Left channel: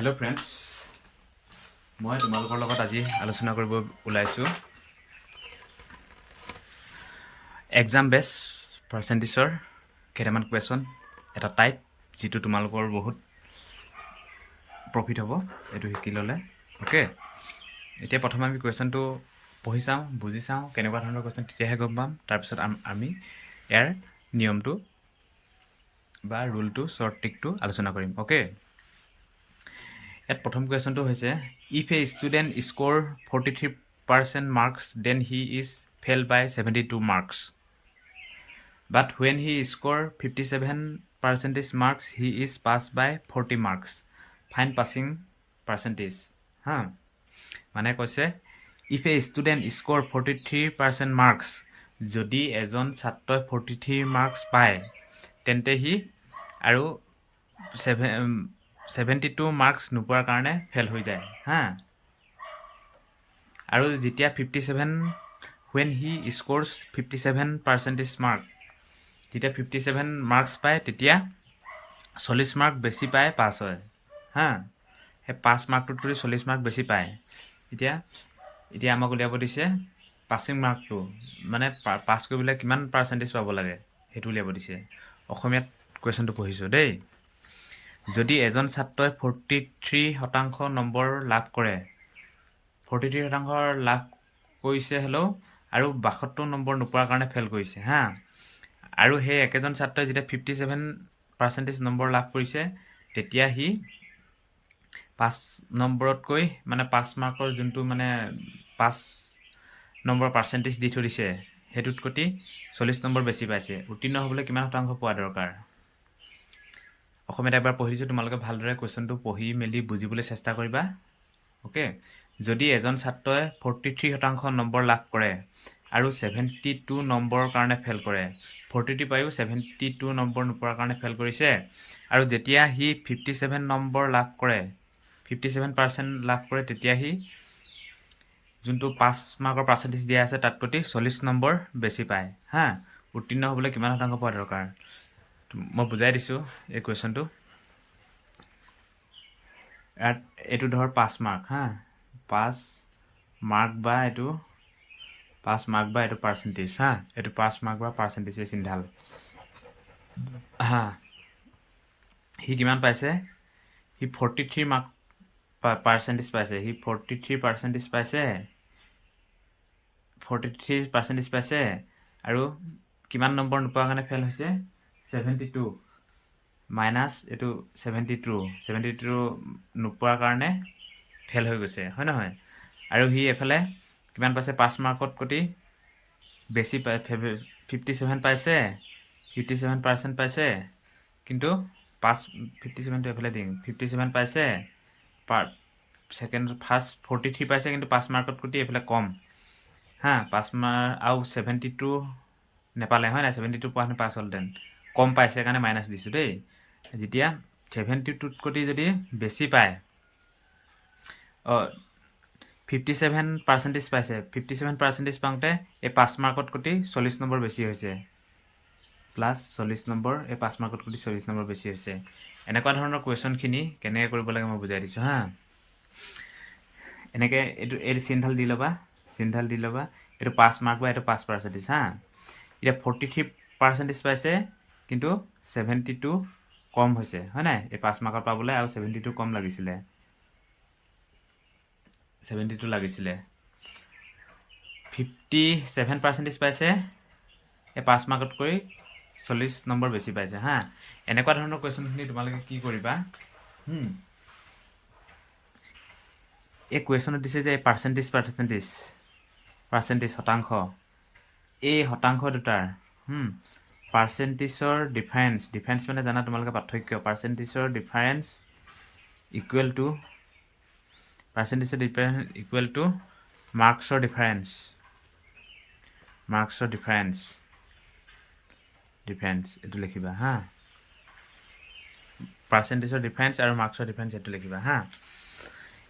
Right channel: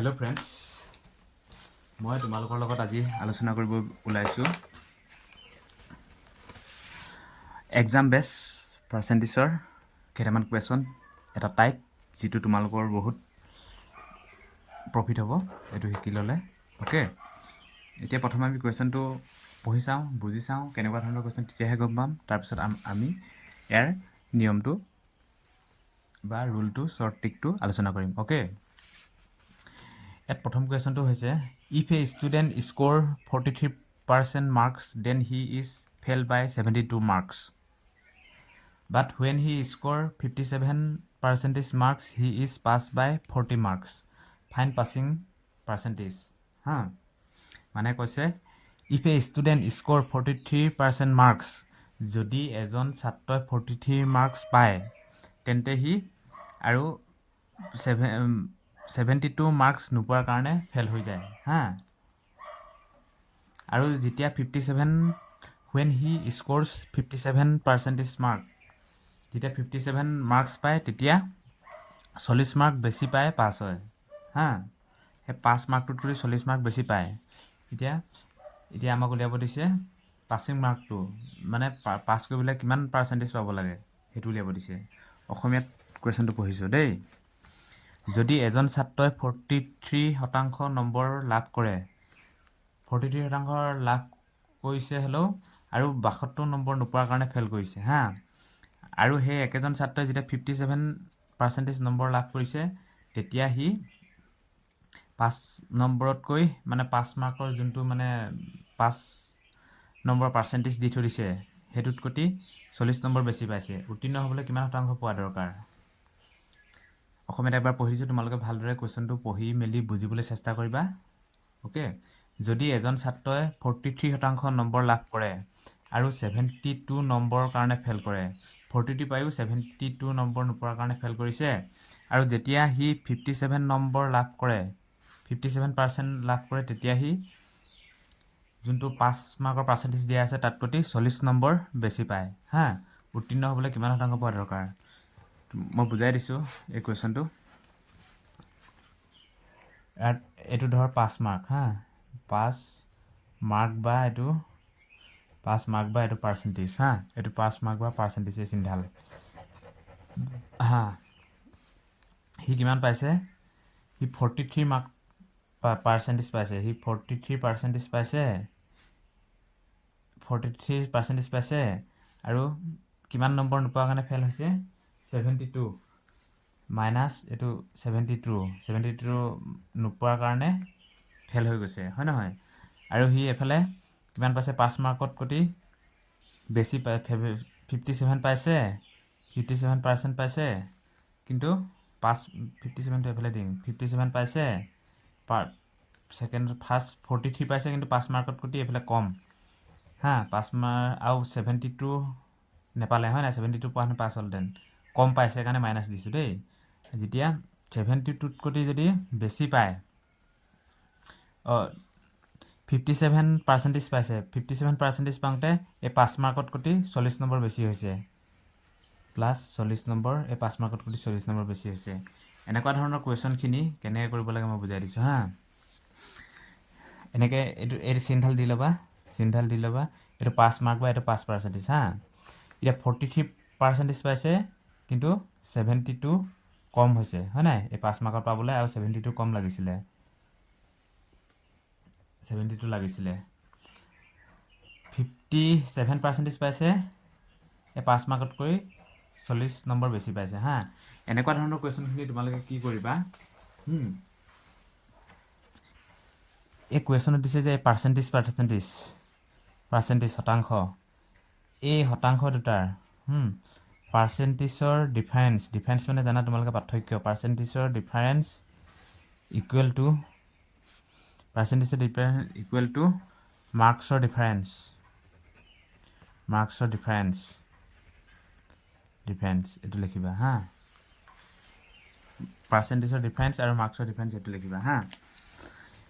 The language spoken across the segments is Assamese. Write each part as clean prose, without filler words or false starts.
হেল্ল' ফ্ৰেণ্ডছ, মই তোমালোকৰ লগত আজি আলোচনা কৰিব ওলাইছোঁ এক্সাম বেছ পাৰ্চেণ্টেজৰ কেইটামান কুৱেশ্যন, এটা টাইপ যিটো তোমালোকৰ বহুত প্ৰফিট হ'ব এইটো শিকি ল'লে। অ'কে, এতিয়া প্ৰথমে আমি কুৱেশ্যনটো পঢ়ি চাওঁ, বুজি চাওঁ কেনেকুৱা ধৰণৰ কুৱেশ্যন, তেতিয়াহে গম পাম। তাৰপিছত আমি ইয়াৰ নিয়মটো বা ৰুলটো, শ্বৰ্ট ট্ৰিকটো আলোচনা কৰিম। অ'কে, ইয়াত প্ৰথম কুৱেশ্যনটো হৈছে if a student score 43% marks then he is fail by 72 marks, but when he score 57% marks he is pass by 40 marks, fine passing percentage. হা, মানে কৈছে if a student score 43% marks, যদি এজন ছাত্ৰই 43 মাৰ্কছ পায় তেন্তে সি আৰু 72 মাৰ্কছ নোপোৱাৰ কাৰণে ফেইল হৈ যায়। হা, আৰু যেতিয়া 57 ৱেন হি স্ক'ৰ্ছ 57% মাৰ্ক, যেতিয়া 57 মাৰ্কছ পায় তেতিয়া 40 মাৰ্ক বেছি পায় পাছ হয়। হা, সেই 5 মাৰ্কটোত কৰি 40 মাৰ্ক বেছি পায়। এতিয়া আমাক উলিয়াব দিছে পাছিং মাৰ্কটো, মানে পাছ কৰিবলৈ কিমান পাৰ্চেণ্টেজ পাব লাগে সেইটো উলিয়াব দিছে। অসমীয়াত কুৱেশ্যনটো পঢ়িছোঁ দেই। যদি এজন ছাত্ৰই 43% নম্বৰ লাভ কৰে, 43% লাভ কৰিছে হেল্ল', আৰু 72 নম্বৰ নোপোৱাৰ কাৰণে ফেইল কৰিছে। হা, আৰু সেই একেজন ছাত্ৰই যেতিয়া 57% নম্বৰ লাভ কৰিছে তেতিয়া সি 5 নম্বৰতকৈ মানে 5 মাৰ্কৰ যোনটো মানে 5 নম্বৰ পাৰ্চেণ্টেজ দি থৈ দিছে সেইটোত প্ৰতি 40 নম্বৰ বেছি পাইছে। উত্তীৰ্ণ হ'বলৈ কিমান শতাংশ পোৱা দৰকাৰ? অসমীয়াত এবাৰ পঢ়িছোঁ, তোমালোকে ভালদৰে কুৱেশ্যনটো পঢ়ি মেলি বুজিবলৈ চেষ্টা কৰিবা। অ'কে, যদি এজন ছাত্ৰই 43% নম্বৰ লাভ কৰে আৰু 72 নম্বৰৰ কাৰণে ফেইল কৰে, 43 পায়ো 72 নম্বৰ নোপোৱাৰ কাৰণে ফেইল কৰিছে, আৰু যেতিয়া সি 57 নম্বৰ লাভ কৰে, 57% লাভ কৰে, তেতিয়া সি যোনটো 5 মাৰ্কৰ পাৰ্চেণ্টেজ দিয়া আছে তাত প্ৰতি 40 নম্বৰ বেছি পায়। হা, উত্তীৰ্ণ হ'বলৈ কিমান শতাংশ পোৱা দৰকাৰ? মই বুজাই দিছোঁ এই কুৱেশ্যনটো। ইয়াত এইটো ধৰ 5 মাৰ্ক। হা, 5 মাৰ্ক বা এইটো পাৰ্চেণ্টেজ। হা, এইটো 5 মাৰ্ক বা পাৰ্চেণ্টেজে চিন্তাল। হা, সি কিমান পাইছে? সি 43 মাৰ্ক পাৰ্চেণ্টেজ পাইছে। সি 43% পাইছে, 43% পাইছে, আৰু কিমান নম্বৰ নোপোৱাৰ কাৰণে ফেইল হৈছে? 72 মাইনাছ এইটো 72 নোপোৱাৰ কাৰণে ফেইল হৈ গৈছে, হয় নহয়? আৰু সি এফালে কিমান পাইছে? 5 মাৰ্কত প্ৰতি বেছি পাই 57 পাইছে, 57% পাইছে, কিন্তু 57টো এফালে দিম, 57 পাইছে, ফাৰ্ষ্ট 43 পাইছে, কিন্তু 5 মাৰ্কত প্ৰতি এইফালে কম। হা, 5 মাৰ্ক আৰু 72 নেপালে, হয় নাই? 72 পোৱা হেঁতেন পাছ হ'লহেঁতেন, কম পাইছে কাৰণে মাইনাছ দিছোঁ দেই। যেতিয়া 72ত কৰি যদি বেছি পায়, 57% পাইছে, 57% পাওঁতে এই 5 মাৰ্কত কৰি 40 নম্বৰ বেছি হৈছে, প্লাছ 40 নম্বৰ, এই 5 মাৰ্কত কৰি 40 নম্বৰ বেছি হৈছে। এনেকুৱা ধৰণৰ কুৱেশ্যনখিনি কেনেকৈ কৰিব লাগে মই বুজাই দিছোঁ। হা, এনেকৈ এইটো চিনডাল দি ল'বা, এইটো 5 মাৰ্ক বা এইটো 5%। হা, এতিয়া 43% পাইছে, কিন্তু 72 কম হৈছে, হয় নাই? এই 5 মাৰ্কত পাবলৈ আৰু 72 কম লাগিছিলে, 72 লাগিছিলে। 57% পাইছে, এই 5 মাৰ্কতকৈ 40 নম্বৰ বেছি পাইছে। হা, এনেকুৱা ধৰণৰ কুৱেশ্যনখিনি তোমালোকে কি কৰিবা? এই কুৱেশ্যনত দিছে যে পাৰ্চেণ্টেজ শতাংশ, এই শতাংশ দুটাৰ পাৰ্চেণ্টেজৰ ডিফাৰেঞ্চ মানে জানা তোমালোকে পাৰ্থক্য। পাৰ্চেণ্টেজৰ ডিফাৰেঞ্চ ইকুৱেল টু মাৰ্কছৰ ডিফাৰেঞ্চ, এইটো লিখিবা। হা, পাৰ্চেণ্টেজৰ ডিফাৰেঞ্চ আৰু মাৰ্কছৰ ডিফাৰেঞ্চ এইটো লিখিবা। হা,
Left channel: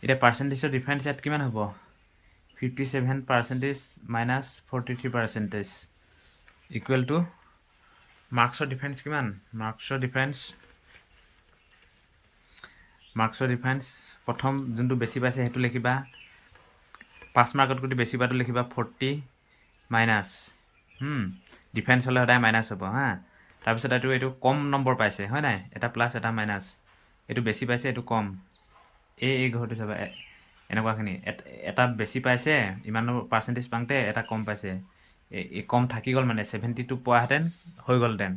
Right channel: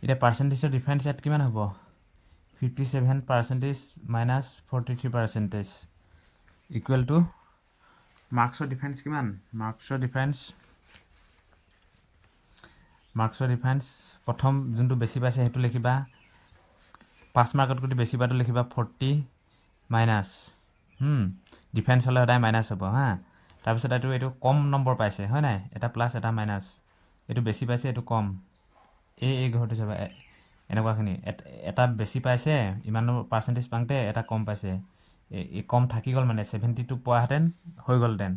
এতিয়া পাৰ্চেণ্টেজৰ ডিফাৰেঞ্চ ইয়াত কিমান হ'ব? 57% মাইনাছ 43% ইকুৱেল টু মাৰ্কছৰ ডিফাৰেঞ্চ কিমান? মাৰ্কছৰ ডিফাৰেঞ্চ মাৰ্কছৰ ডিফাৰেঞ্চ প্ৰথম যোনটো বেছি পাইছে সেইটো লিখিবা 5 মাৰ্কত যদি বেছি পাইটো লিখিবা 40 মাইনাছ ডিফাৰেঞ্চ হ'লে সদায় মাইনাছ হ'ব হা তাৰপিছত এইটো কম নম্বৰ পাইছে হয় নাই এটা প্লাছ এটা মাইনাছ এইটো বেছি পাইছে এইটো কম এই ঘৰটো চাবা এনেকুৱাখিনি এটা বেছি পাইছে ইমান পাৰ্চেণ্টেজ পাওঁতে এটা কম পাইছে এই কম থাকি গ'ল মানে 72 পোৱাহেঁতেন হৈ গ'লহেঁতেন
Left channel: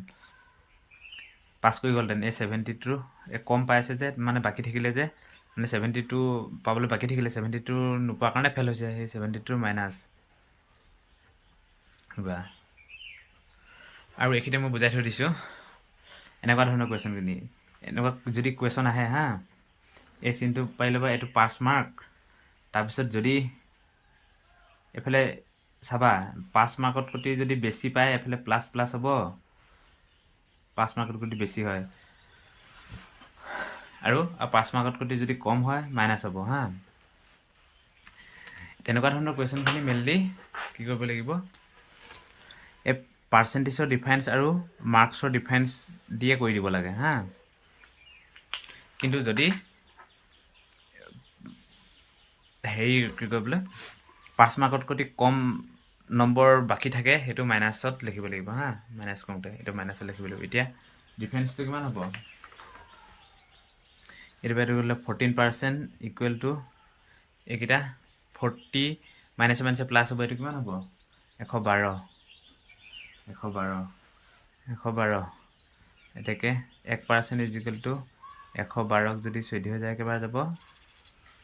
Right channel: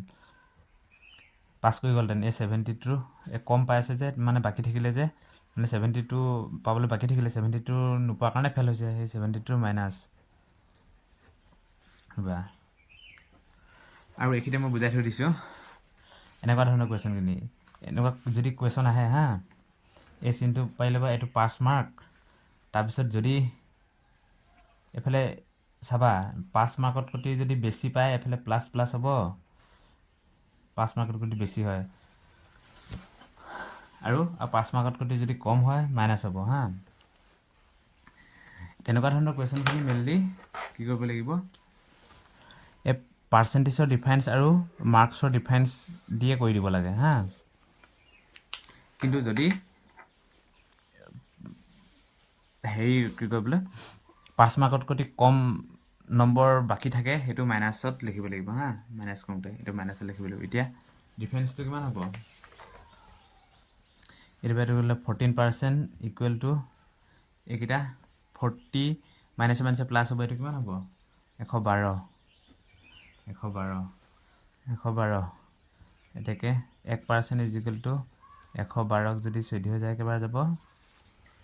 পাছ কৰি গ'লহেঁতেন এই 72 কম পাইছে যে মানে বাকী থাকিলে যে মানে 72 পাবলৈ বাকী থাকিলে 72 নোপোৱাৰ কাৰণে ফেল হৈছে সেই 72 মাইনাছ বা আৰু এইখিনিতে মই বুজাই থৈ দিছোঁ এনেকুৱা ধৰণৰ কুৱেশ্যনখিনি এনেকুৱা যদি কুৱেশ্যন আহে হা এই চিনটো পাই ল'বা এইটো 5 মাৰ্ক তাৰপিছত যদি এফালে চাবা 5 মাৰ্কত প্ৰতি যদি বেছি পায় এফালে প্লাছ প্লাছ হ'ব 5 মাৰ্কত প্ৰতি বেছি হয় আৰু 5 মাৰ্কত প্ৰতি যদি কম হয় মাইনাছ হ'ব হা তেনেকুৱা ধৰণৰ কুৱেশ্যনখিনি মেইনলি কি কৰিব লাগিব এই পাৰ্চেণ্টেজৰ ডিফাৰেঞ্চ আৰু মাৰ্কছৰ ডিফাৰেঞ্চ দিয়ে কৰি দিব লাগে হা কিন্তু যদি হেৰি কি কৰিবলৈ 5 মাৰ্কত প্ৰতি কম নম্বৰ বাকী থাকে সেইটো মাইনাছত লিখিব লাগিব হা মাইনাছ কৰোঁতে এইটো মাইনাছত লিখিব লাগিব এতিয়া ডিফাৰেঞ্চটো কিমান হ'ব এইটো বাইটো গ'লে 14% ইকুৱেল টু এইকেইটা 40 মাইনাছে মাইনাছে প্লাছ হ'ব এইটো কিমান হ'ব 112 এতেকে 1% ইজ ইকুৱেল টু 112ক যদি 14 যায় একেবাৰে যাব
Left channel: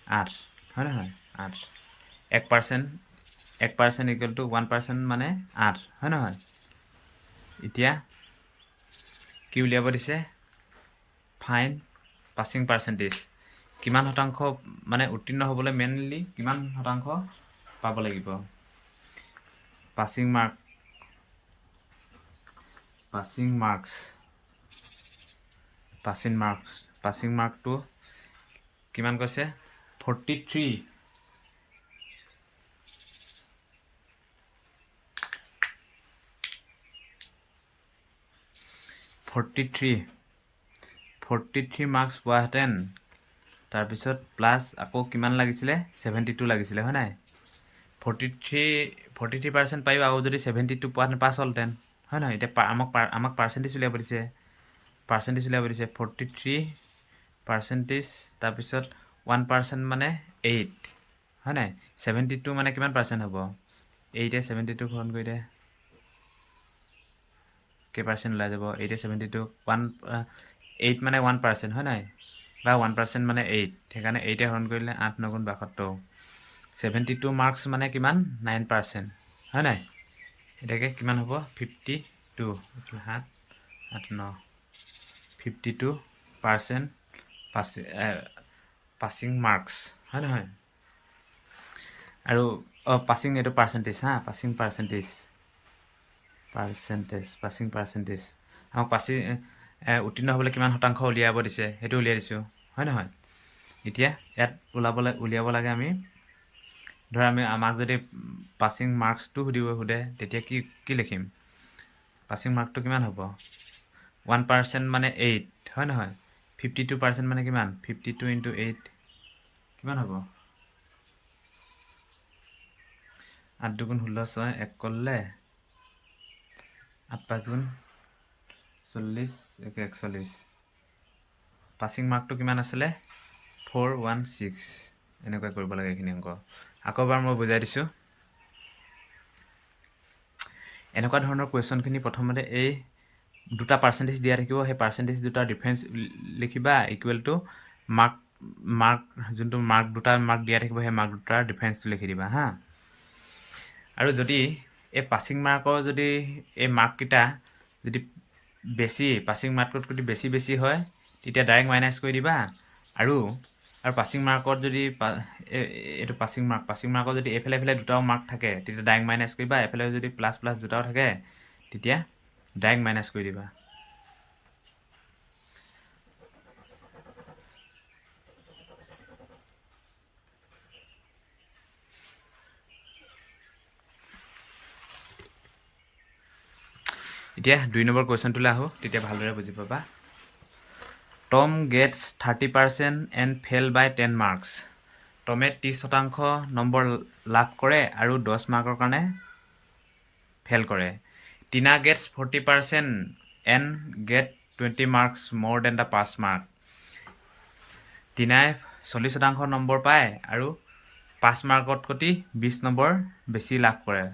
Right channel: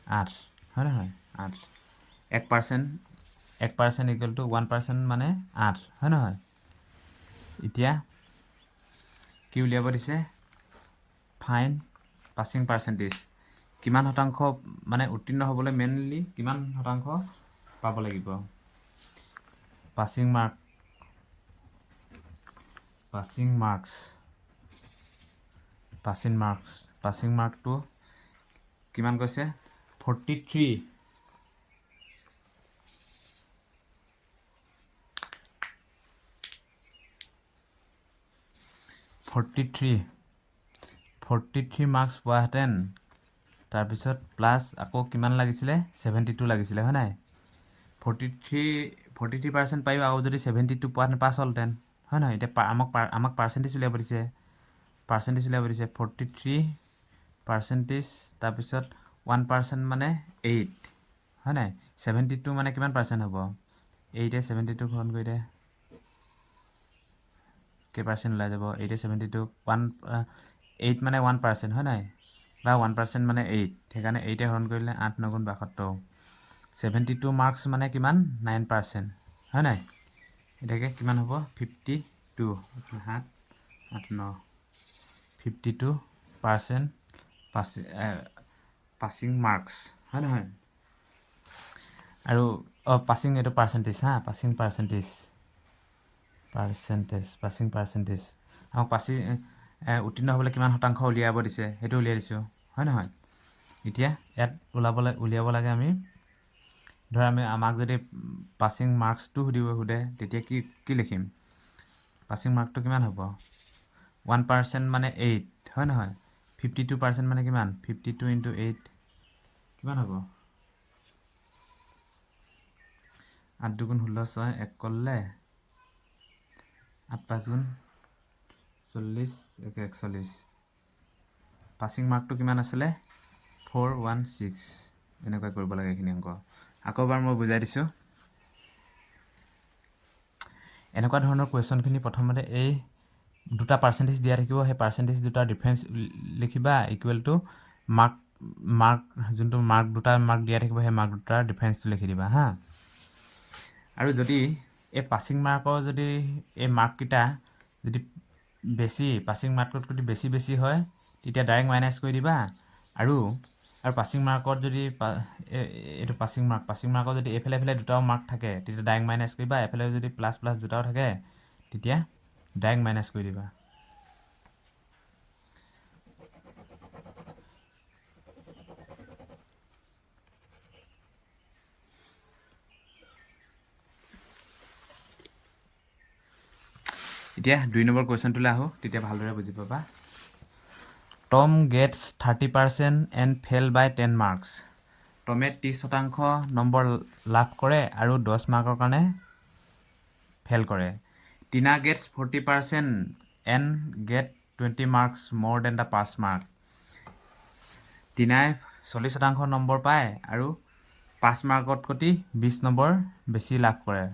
8 হয় নহয় 8 1% ইকুৱেল টু 1% মানে 8 হয় নহয় এতিয়া কি উলিয়াব দিছে ফাইন পাছিং পাৰ্চেণ্টেজ কিমান শতাংশ মানে উত্তীৰ্ণ হ'বলৈ মেইনলি কিমান শতাংশ পাব লাগিব পাছিং মাৰ্কটো কিমান কৈছে 43 মাৰ্কছ পোৱাহেঁতেন তাৰপিছত প্লাছ আকৌ কিমান লাগিছিলে 72 লাগিছিলে হয় নাই 43% পায়ো আকৌ যদি 72 পোৱাহেঁতেন পাছ হ'লহেঁতেন হয় নহয় এতিয়া আমাক পাৰ্চেণ্টেজ উলিয়াব দিছে 43% তাৰপিছত 1% মানে 8 হয় নাই 72 মানে কিমান পাৰ্চেণ্ট হ'ব 8 72 গ্ৰহণ কৰি দে কেইপাৰ্চেণ্ট ওলাই যাব 72 8 মানে 1% হয় নাই বা 1% মানে 8 সেইকাৰণে 8 হৰণ কৰিলে 8 9 গুণ 72 72 মাৰ্কছ মানে কিমান 9% হয় নাই এটাকে কিমান হ'ব 52 7 8 9 52% পাছিং মাৰ্কছ হয় নহয় আৰু পাছিং এইটো পাৰ্চেণ্টেজ হা পাছিং পাৰ্চেণ্টেজ আমাক উত্তীৰ্ণ হ'বলৈ কিমান শতাংশ উলিয়াব দিছে সেইটো উলিয়াই দিছোঁ হয় নহয় এতিয়া ইয়াত উলিয়াব লাগে আমি ধৰা আমাক যদি পাছিং মাৰ্কছটো সোধে তেতিয়া কি লিখিম পাছিং মাৰ্কটো কিমান হ'ব 1% মানে 8 হয় নহয় 52% মানে কিমান 52 × 8 কিমান হ'ব 8 2 গুণ 16 6 1 কৰিলে 8 5 গুণ 40 41 পাছিং মাৰ্কটো কিমান আছিলে 416 এনেকৈ কৰিব লাগে এইখিনি অংক আকৌ এবাৰ মই বুজাই দিছোঁ এনেকুৱা ধৰণৰ কুৱেশ্যনখিনি প্ৰথমতে এই দুটা পাৰ্চেণ্টেজ দিয়া থাকিব সেই পাৰ্চেণ্টেজ দুটাৰ ডিফাৰেঞ্চ লিখিবা ইকুৱেল টু মাৰ্ক যোনটো দুটা মাৰ্ক দিয়া থাকিব সেই মাৰ্ক দুটাৰ ডিফাৰেঞ্চটো লিখি দিবা হা আৰু যদি এই পাছিং মাৰ্কৰ যদি এই মাৰ্ককেইটা যদি বেছি পাছিং মাৰ্কত যদি বেছি হয় তেতিয়া ডাইৰেক্ট মাইনাছ কৰি দিবা আৰু পাছিং মাৰ্কত যদি এইটো পাছিং মাৰ্কত যদি এইফালে দুটাও মাৰ্ক থাকে তেতিয়া ডাইৰেক্ট মাইনাছ কৰিবা এফালে যদি প্লাছ দুটাও থাকে তেতিয়া ডাইৰেক্ট মাইনাছ কৰি দিবা এতিয়া 2 নম্বৰ কুৱেশ্যনটোলৈ আহোঁ তেতিয়া ভালদৰে বুজি পাবা Tom gets 30% and fail by 10 marks. টমে 30% নম্বৰ লাভ কৰে আৰু 10 মাৰ্কৰ কাৰণে ফেল কৰে। Tina gets 40% and get 20 marks more than the pass mark. টিনাই 40% নম্বৰ পায় আৰু 5 মাৰ্কতকৈ 20 নম্বৰ বেছি লাভ কৰে।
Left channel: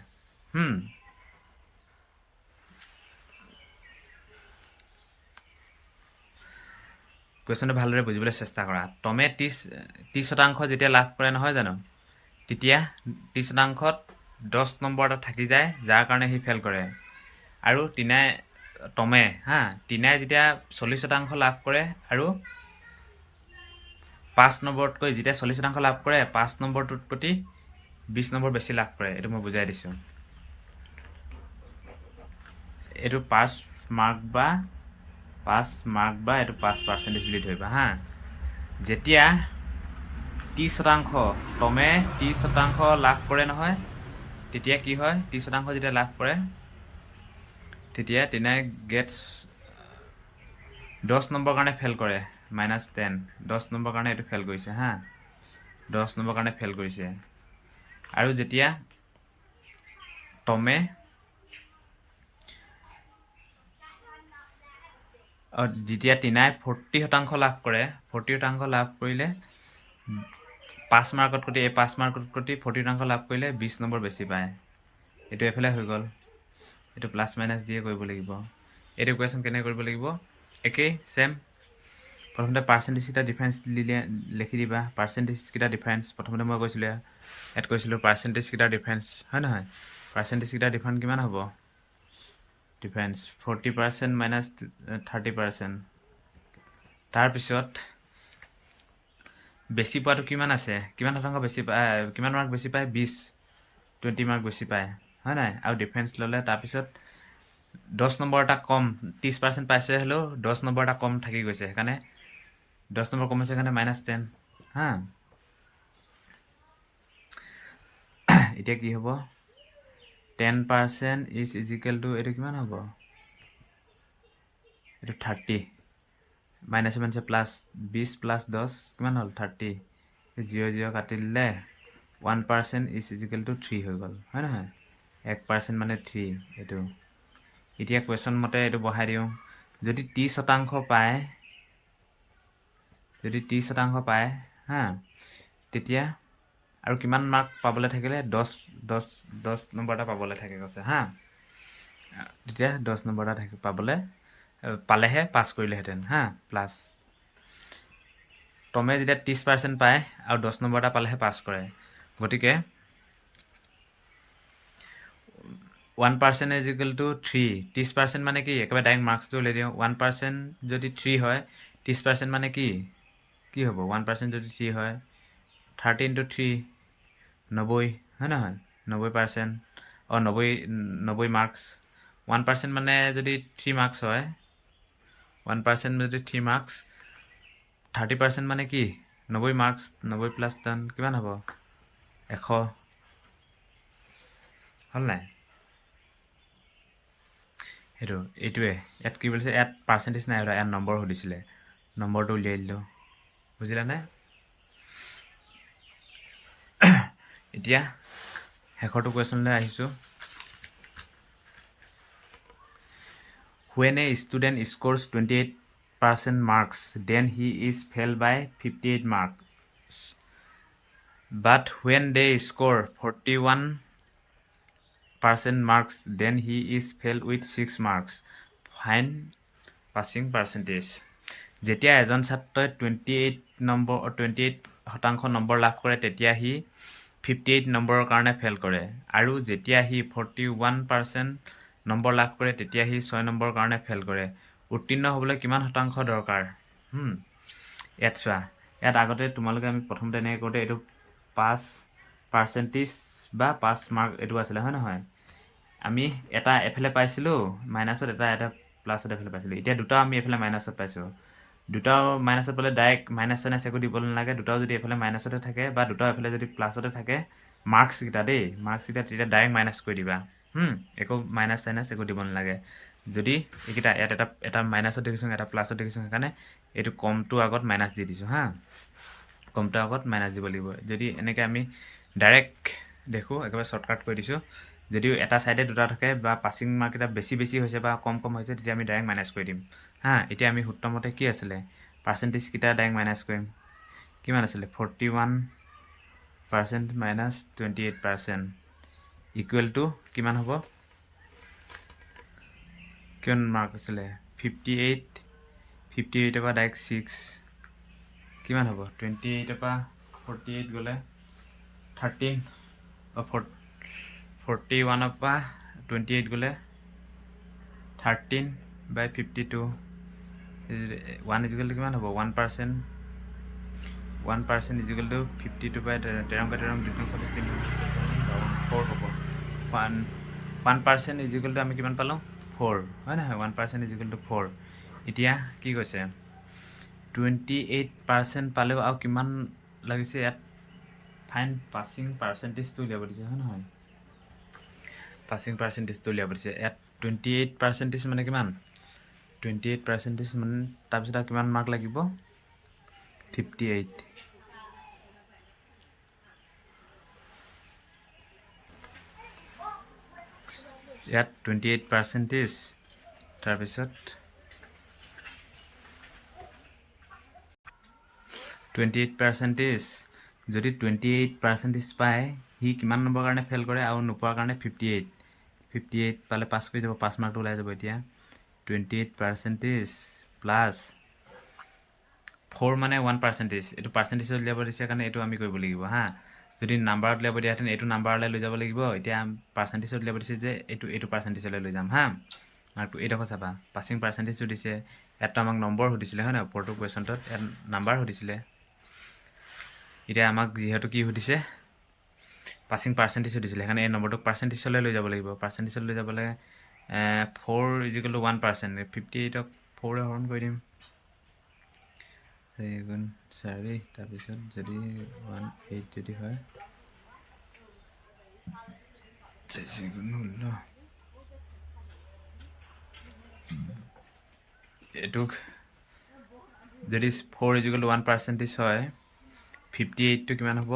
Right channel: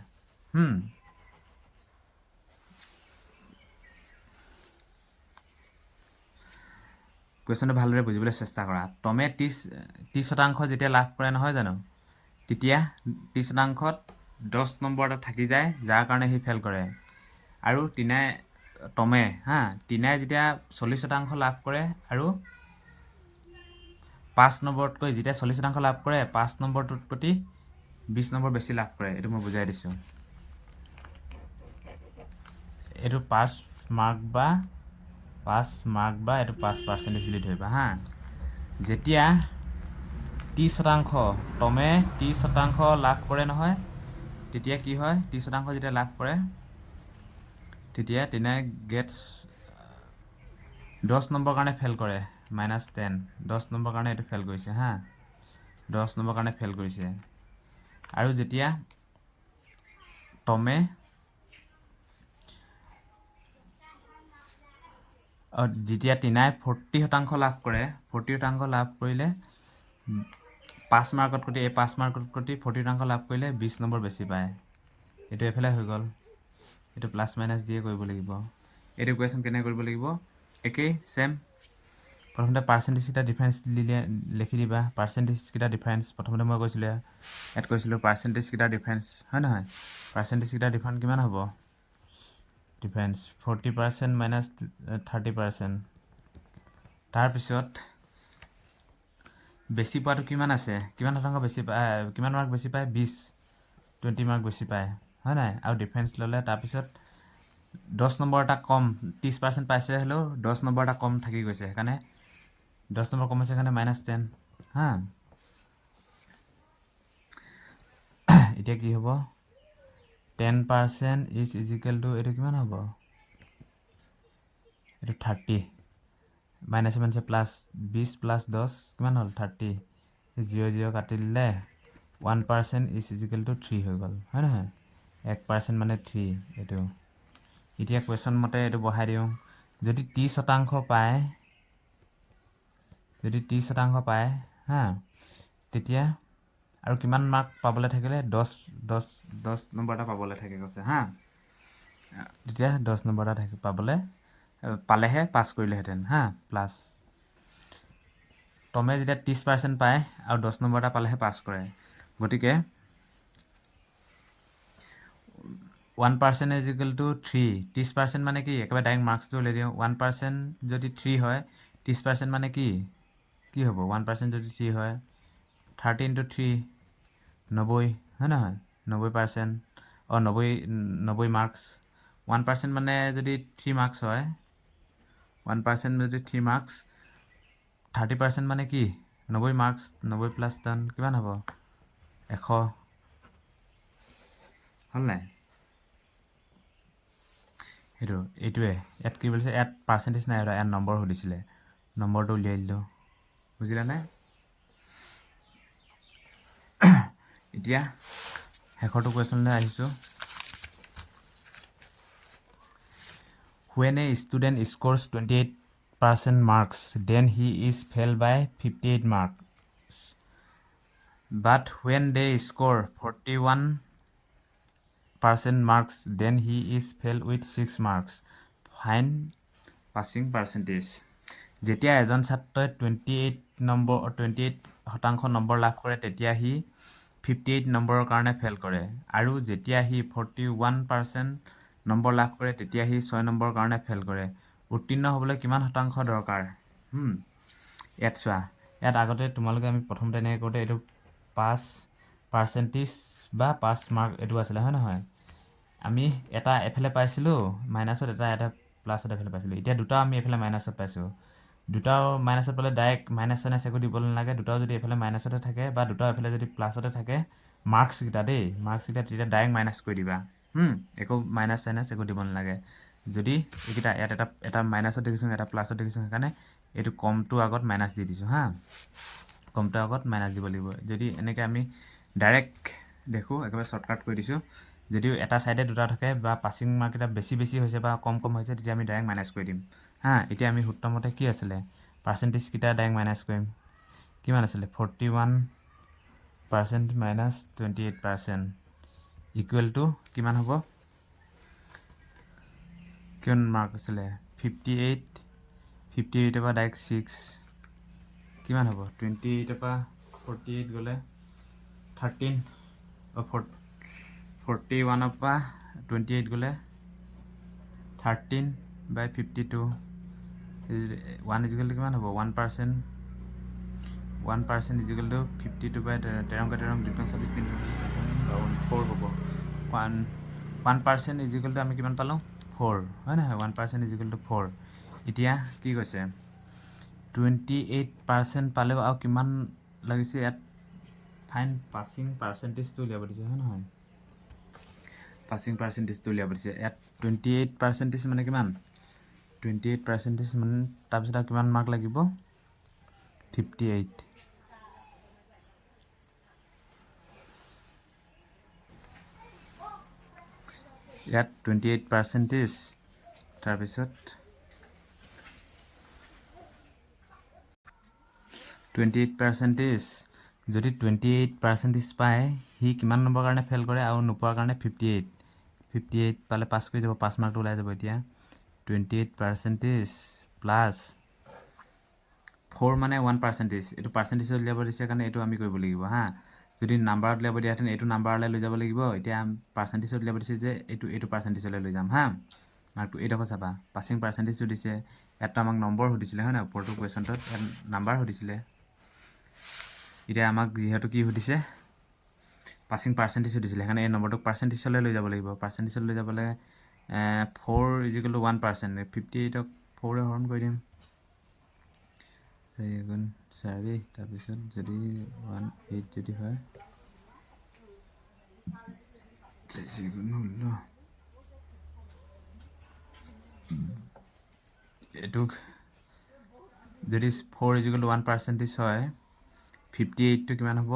কুৱেশ্যনটো ভালদৰে বুজিবলৈ চেষ্টা কৰা। টমে 30% যেতিয়া লাভ কৰে নহয় জানো, তেতিয়া 30%ত 10 নম্বৰ এটা থাকি যায়, যাৰ কাৰণে সি ফেল কৰে। আৰু টমে টিনাই যেতিয়া 40% লাভ কৰে আৰু 5 নম্বৰতকৈ যেতিয়া 40% লাভ কৰে 5 নম্বৰটোতকৈ 20 নম্বৰ বেছি লাভ কৰে। এইটো মই বুজাই দিছোঁ। এইটো পাছ মাৰ্ক বা এইটো 5% বুলি ধৰিবা যেতিয়া 30% টমে 30% লাভ কৰে নহয়, তেতিয়া কি হয়, 30% যেতিয়া লাভ কৰে তেতিয়া টিনাই গেটছ 10 নম্বৰ কাৰণে ফেল কৰে, -10 10 নম্বৰ কাৰণে এইটো ফেল কৰিছে 10 নম্বৰ কাৰণে ফেল কৰিছে। আৰু যেতিয়া টমে যেতিয়া টিনাই 40% লাভ কৰে, 40% লাভ কৰিলে 5 মাৰ্কতকৈ 40% লাভ কৰিলে 20 নম্বৰ বেছি পায়। এইটো এফালে হৈ গ'ল। এইটো প্লাছ মাইনাছ দিয়ে কৰিব লাগিব। এইটো কুৱেশ্যন কেনেকৈ কৰিব লাগিব, একেই ছেম। প্ৰথমতে পাৰ্চেণ্টেজকেইটা ডিফাৰেঞ্চ লিখি দিবা। পাৰ্চেণ্টেজকেইটা ডিফাৰেঞ্চ প্ৰথমতে মই কৈছিলোঁ, ইয়াত কৈছিলোঁ পাৰ্চেণ্টেজকেইটাৰ ডিফাৰেঞ্চ হয় নহয়। পাৰ্চেণ্টেজকেইটাৰ ডিফাৰেঞ্চ কিমান হ'ব, ডিফাৰেঞ্চ 40% মাইনাছ 30%। তাৰপিছত বেছি পোৱাটো কিমান আছে, কিমান শতাংশ বেছি পায়, কিমান মাৰ্ক বেছি পায়, 20 মাৰ্ক বেছি পায় হয় নাই। আৰু ডিফাৰেঞ্চ ল'লে তাৰপিছত 10 নম্বৰ এটা কম, 30% পাইছে হ'লেও 10 নম্বৰ এটা কম থাকি গৈছে, সেইকাৰণে 10 নম্বৰ কম হৈছে, সেইকাৰণে -10 এতিয়া কি হ'ব, 10% ইজ ইজিকেল টু এইটো কিমান হ'ব, এইটো 30 মাইনাছে প্লাছ 20 প্লাছ 10 কিমান হ'ল 30, 0 কাটি দিলে 1% ইজ ইজিকেল টু 3 হৈ গ'ল হয় নহয়। 1% মানে 3 এইটো। এতিয়া কুৱেশ্যন মতে এইটো বহাই দিওঁ, যদি 30% পায়, তেতিয়া আৰু কিমান মাৰ্ক পাবলৈ থাকিলে, 10 নম্বৰ এটা পাবলৈ থাকে কৈছে তেতিয়া 10 নম্বৰ এটা পালেহে পাছ কৰিলেহেঁতেন প্লাছ। টমে যেতিয়া 30% পায় আৰু 10 নম্বৰ এটা পালেহে পাছ কৰে, গতিকে 1% ইজ ইকুৱেল টু 3। 30% মানে কি, একেবাৰে ডাইৰেক্ট মাৰ্কছটো উলিয়াই দিওঁ। 1% যদি 3 হয়, 30% মানে কি হ'ব, 1% যদি 3 হয় 30 × 3 90 হয় নহয়, 90%, 90 মাৰ্কছ। 1% মানে যদি 3 মাৰ্কছ হয়, 1% যদি 3 মাৰ্কছ, 30% মানে কি 90 মাৰ্কছ, 90 প্লাছ 10 কিমান হ'ব, 100 হ'ল নাই। এইটোৱে ইয়াত কি বুলিছে, ইয়াত পাৰ্চেণ্টেজ নাই, ইয়াত নম্বৰ সুধিছিলে, নম্বৰটো উলিয়াই দিলোঁ, বুজিলানে। এতিয়া শেষৰটো কুৱেশ্যনলৈ আহিছোঁ। When a student scores 28% marks, then he is failed by 58 marks. But when they score 41% marks, then he is failed with 6 marks. Find passing percentage. যেতিয়া এজন ছাত্ৰই 28% নম্বৰ লাভ কৰে, তেতিয়া সি 58 নম্বৰৰ কাৰণে ফেইল কৰে। আৰু যেতিয়া সি 41% নম্বৰ লাভ কৰে, তেতিয়া সি 6 নম্বৰৰ কাৰণে ফেইল কৰে। উত্তীৰ্ণ হ'বলৈ কিমান শতাংশ দৰকাৰ? ইয়াত চোৱা, ইয়াত আগতে তোমালোকে আমি প্ৰথমতে এনেকৈ কৰোঁতে এইটো 5% বা 5 মাৰ্ক এইটো আছিলে হয় নহয়। আমি এটা এফালে পাইছিলোঁ মাইনাছত, এটা প্লাছত এফালে পাইছিলোঁ। এতিয়া দুটাও আমি এফালে মাইনাছত পাইছোঁ। দুটাও মাইনাছত পালে ডাইৰেক্ট মাইনাছ চাইনাছ একো দিব নালাগে। দুটাও যদি এফালে মাইনাছতে থাকে বা দুটাও এফালে যদি প্লাছতে থাকে, মাৰ্কছকেইটা তেতিয়া ডাইৰেক্ট মাইনাছ কৰি দিবা। একো মাইনাছ চাইনাছ একো দিব নালাগে। যদি এইকেইটা ইয়াত এটা মাইনাছত দেখিছোঁ, এটা প্লাছত দেখিছোঁ, সেইকাৰণে এইটো কমটো আগত মাইনাছ দি দিছোঁ হা কমটো আগত মাইনাছ দিব লাগিব যদি এনেকৈ আমি ডাইৰেক্ট দেখোঁ একেবাৰে শ্বৰ্টকাট কৰি দিছোঁ যদিও এটা ছাইডে দুটা থাকে বা পাছিং মাৰ্ককেইটা বেছি হৈছে বা কম হৈছে তেতিয়া আমি ডাইৰেক্ট মাইনাছ কৰি দিম হা এতিয়া আমি সূত্ৰমতে কি আছিলে পাৰ্চেণ্টেজকেইটা ডাইৰেক্ট মাইনাছ কৰিম কিমান আছিলে 41% মাইনাছ 28% ইকুৱেল টু কিমান হ'ব কিমান মাৰ্ক আছিলে 58 পৰা ডাইৰেক্ট 6 কিমান হ'ব 28 পৰা 48 গ'লে 13 41 পৰা 28 গ'লে 13/52 1 ইকুৱেল টু কিমান হ'ব 1% 1% ইকুৱেল টু 52/13 4 হ'ব 1% ইকুৱেল টু আমি কিমান পালোঁ 4 হয় নহয় 1% ইকুৱেল টু 4 এতিয়া কি কৈছে 28% পালেও আৰু কিমান লাগিছে ইয়াত ফাইন পাছিং পাৰ্চেণ্টেজটো উলিয়াব দিছে হয় নহয় পাছিং পাৰ্চেণ্টেজটো উলিয়াব দিছে ইয়াত 28% মানে কিমান 28% মানে তাৰপিছত আৰু কিমান মাৰ্ক লাগিব 58 ইয়াত 28% তাৰপিছত 28% যদি 28% পায় সি কিমান নম্বৰ কাৰণে ফেইল কৰে আৰু নোপোৱাৰ কাৰণে 58 পালে পাছ কৰি যাব 5 মাৰ্কটো ওলাই যাব এতিয়া 28% প্লাছ 4 মানে 1% এইটো পাৰ্চেণ্টেজত উলিয়াব দিছে কাৰণে এইটো আমি কৰিব লাগিব হা যদি নাম্বাৰত উলিয়াব দিয়াহেঁতেন এইটো নাম্বাৰলৈ লৈ যাব লাগিব এতিয়া পাৰ্চেণ্টেজত উলিয়াব দিছে যে এইটো পাৰ্চেণ্টেজলৈ লৈ যাম হা মাৰ্কটো এইডোখৰ চাবা পাছিং পাৰ্চেণ্টেজটো দিছে ইয়াততো আমাক নম্বৰ সুধিছিলে হয় নহয় ওপৰটো কুৱেশ্যনটোত ইয়াত নাম্বাৰ সুধিছিলে এতিয়া আমাক যিহেতু কি সুধিছে পাছিং পাৰ্চেণ্টেজ সুধিছিলে সেইকাৰণে এই নম্বৰটোক পাৰ্চেণ্টেজলৈ লৈ যাব লাগিব পাৰ্চেণ্টেজলৈ লৈ যাবলৈ 4 ইকুৱেল টু 1% 58ক 4ৰে হৰণ কৰি দিম 4 তাৰপিছত যদি 18 যদি হয় এইটোক যদি 4 ইকুৱেল টু 1% হয় 58টো কিমান হ'ব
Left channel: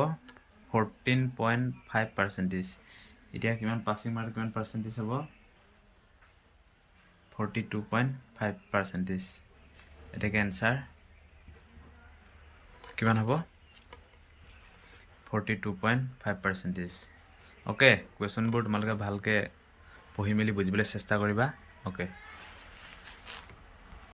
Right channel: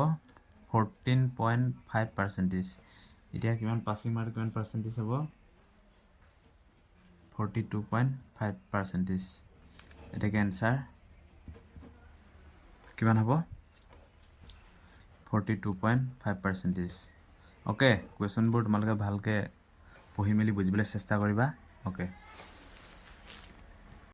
14.5% এতিয়া কিমান পাছিং মাৰ্ক কিমান পাৰ্চেণ্টেজ হ'ব 42.5% এটাকে এনচাৰ কিমান হ'ব 42.5% অ'কে কুৱেশ্যনবোৰ তোমালোকে ভালকৈ পঢ়ি মেলি বুজিবলৈ চেষ্টা কৰিবা অ'কে